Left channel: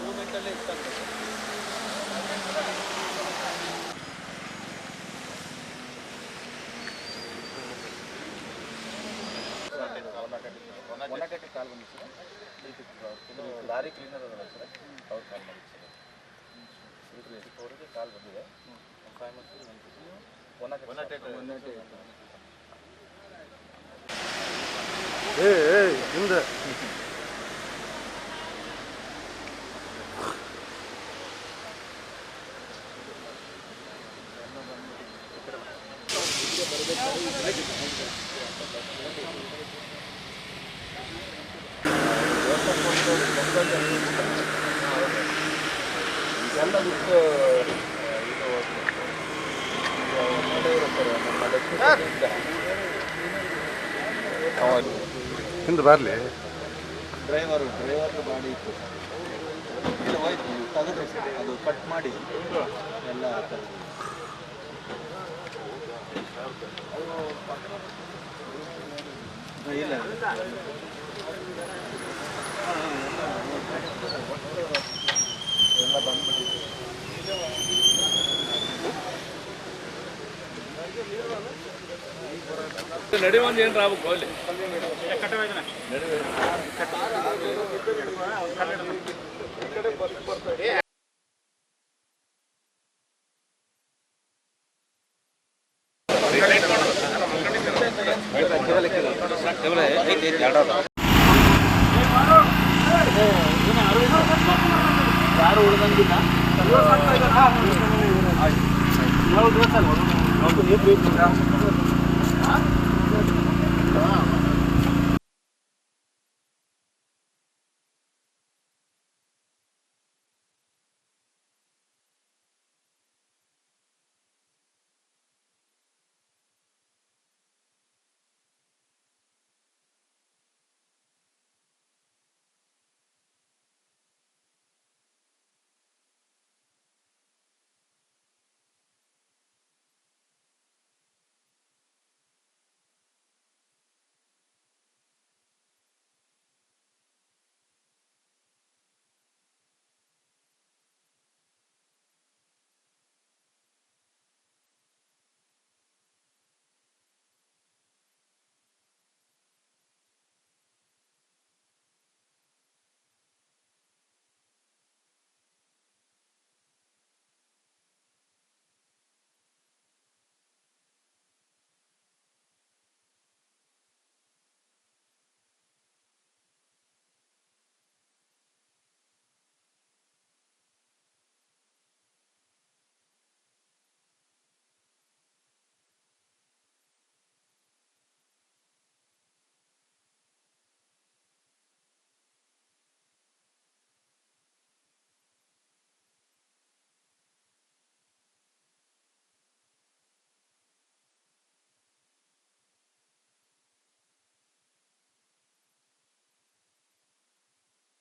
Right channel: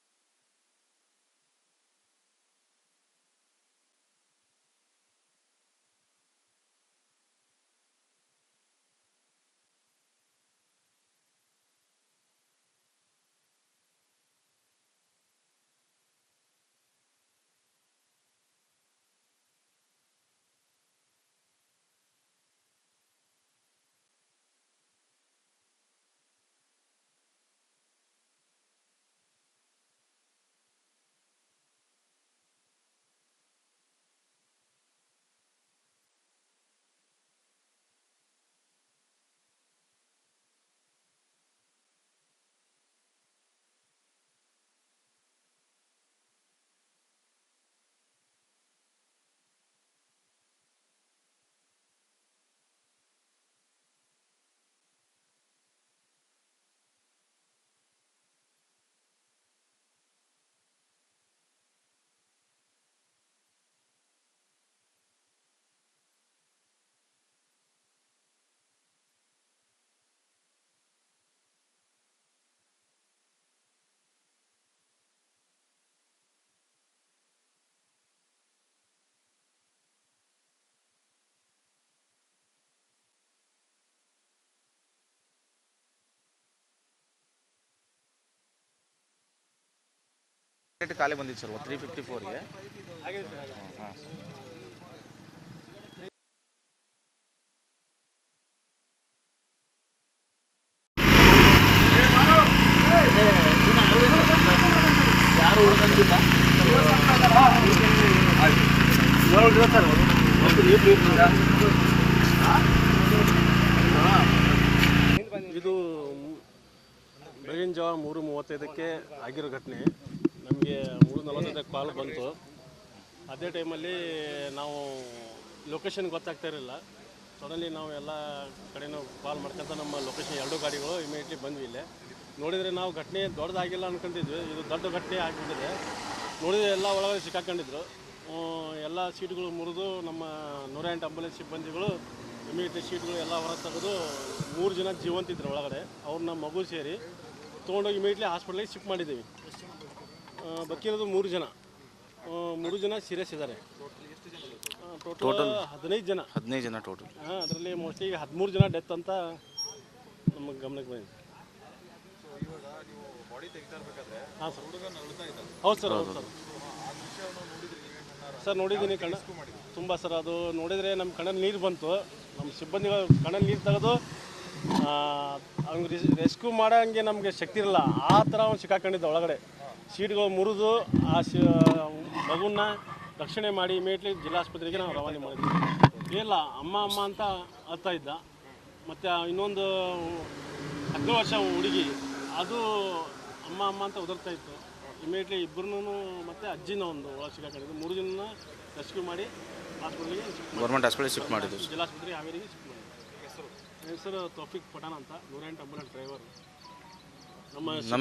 ಮೂವ್ಮೆಂಟಲ್ಲೇ ಇರ್ತಾರೆ. ಕಾಲ್ ಬಂದಿತ್ತು sir, lorry cleaner ಅದಲ್ಲ ಸರ್, ಅವ್ರು ಕಾಲ್ ಮಾಡಿದ್ದು ಸರ್. ಅವರಿಗೆ ಕಾಲ್ ಬಂದಿದೆ. 5 months ಹಿಂದೆ ಎಲ್ಲ ಬಿಟ್ಟು ಹಿಂದೆ ಬರಲಿ. ಡ್ರೈವರ್ ಗಾಡಿ ಇತ್ತು, ಇಲ್ಲ ಹೋಯ್ತು, ತೆಗೆದು ಅದು ಕಟ್ ಮಾಡಿ ಎಲ್ಲ ಇಲ್ಲ ಎಲ್ಲ ಬಂದ್ಬಿಟ್ಟಿದೆ. ನಡೆಯುವಂದು ಏನು ಆಗ್ಬೇಕು ಅಲ್ಲಿ ಖಾಲಿ ಬಂದಿತ್ತು ಸರ್ 354ಗೆ. ಯಾರು ಉಳಿದಂಗಿಲ್ಲ. ಇದು ಬೆಳಗಿನ ಜಾವ 3:35ಕ್ಕೆ ಆಗಿರೋ ಘಟನೆ. ನಮಗೆ 3:45ಕ್ಕೆ ಕಾಲ್ ಬಂತು. ಅದೇ ಟೈಮಲ್ಲಿ ನಾವು ಲೊಕೇಶನ್ ಗೊತ್ತಾಗ್ತಾ ಇರಲಿಲ್ಲ. ಸಡನ್ಲಿ ನಾವು ಎಲ್ಲ ಕಡೆನೂ ಕಾಲ್ ಮಾಡ್ಕೊಂತ ನಮ್ಮ ಲೊಕೇಶನ್ 2 ಗಾಡಿಗಳು ಇಮಿಡಿಯೇಟ್ಲಿ ಬಂದ್ವಿ. ಇಲ್ಲೇ ನೋಡಿದರೆ ನಾವು ಘಟನೆ ದೊಡ್ಡದಾಗಿಲ್ಲ ಅಂದ್ಕೊಂಡಿದ್ವಿ, ಇದು ದೊಡ್ಡ ಘಟನೆ ಆಗಿಬಿಟ್ಟಿದೆ. ನೋಡಿದರೆ ಎಲ್ಲ ಒಳಗಡೆ ಸಿಕ್ಕಾಕೊಂಡಿದ್ರು. ಎಲ್ಲ ಸೀಟ್ಗಳು ಮುರಿದು ನಮ್ಮ 108 ಆಂಬುಲೆನ್ಸ್ ಸಿಬ್ಬಂದಿಗಳು ಇಮಿಡಿಯೇಟ್ಲಿ ಸೀಟ್ಗಳು ಎಲ್ಲ ಹೊರ ತೆಗೆದು 3 ಜನ ಜೀವಂತಿದ್ರು ಒಳಗಡೆ. ಅವ್ರನ್ನ ಮಗು ಸೇರಿ ತೊಗೊಂಡೋಗಿ ಇಮಿಡಿಯೇಟ್ಲಿ ಹಾಸ್ಪಿಟ್ಲಿಗೆ ಶಿಫ್ಟ್ ಮಾಡಿದ್ದೀವಿ. ಬಕ್ಕಿರೋದು 3 ಜನ, 3 ಜನ ಸೀರಿಯಸ್ ಇದ್ದಾರೆ. ಟೋಟಲ್ 15 ಜನ ಟೋಟಲ್. ಅದರಲ್ಲಿ ಮೋಸ್ಟ್ಲಿ ಈಗ 13 ಜನ ಡೆತ್ ಅಂತ ನಮಗೆ ಗಮನಕ್ಕೆ ಬಂದಿದೆ. ಹಾಂ ಸರ್, ಹೌದು ಸರ್, ಹೌದು ಸರ್ ನೋಡಿದ್ದೀನಿ ಕಣ್ಣ ತುಂಬ ಸರ್. ಅದು ನೋಡಿದರೆ ನಮ್ಮ ಕಣ್ಣಲ್ಲಿ ನೀರು ಬಂತು. ನಮ್ಮ ಸಿಬ್ಬಂದಿಗಳು ಕಣ್ಣಲ್ಲಿ ನೀರು ತೆಗೆದು ಅವ್ನಿಗೆ ರೆಸ್ಕ್ಯೂ ಮಾಡೋಂಗೆ ನಮಗೆ ಶಕ್ತಿ ಇರಲ್ಲ, ಆ ಥರ ಅವ್ನು ಸಿಕ್ಕಾಕೊಂಡಿದ್ದ ಒಳಗಡೆ. ಸೀಟ್ಗಳು ಮುರಿದು ಆ ಮಗುನ ರಕ್ಷಣೆ ಮಾಡಿ ಇಮಿಡಿಯೇಟ್ಲಿ ಜಿಲ್ಲಾಸ್ಪತ್ರೆಗೆ ನಾವು ರವಾನೆ ಮಾಡಿದ್ವಿ. ಇಲ್ಲ ಅಮ್ಮ ಅಂತ ಅಳ್ತಾ ಇದ್ದ. ಮತ್ತು ಇನ್ನೊಂದು 17 ವರ್ಷ ಹುಡುಗಿ, ಅದು ಅಮ್ಮ ಅಂತ ಉದುರ್ತಾ ಇತ್ತು. ಇಮಿಡಿಯೇಟ್ಲಿ ಇಬ್ಬರೂ ಮತ್ತು ಅಜ್ಜಿನ ಒಂದು ಒಳಗೆ ಸಿಕ್ಕಾಕೊಂಡಿದ್ದು. 3 ಜನ ರೆಸ್ಕ್ಯೂ ಮಾಡಿ ಹಾಸ್ಪಿಟ್ಲಿಗೆ ಗೌರ್ಮೆಂಟ್ ಹಾಸ್ಪಿಟಲ್ ಶಿಫ್ಟ್ ಮಾಡಿದ್ದು. ಜಿಲ್ಲಾಸ್ಪತ್ರೆಗೆ ಹಾವೇರಿಗೆ ಶಿಫ್ಟ್ ಮಾಡಿದ್ದು. ಹೆಸರು ತೌಫಿಕ್ ಪಠಾಣ್ ಅಂತ, 108 ಆಂಬುಲೆನ್ಸ್ ಡ್ರೈವರ್. ನಮ್ಮ ಹೆಸರು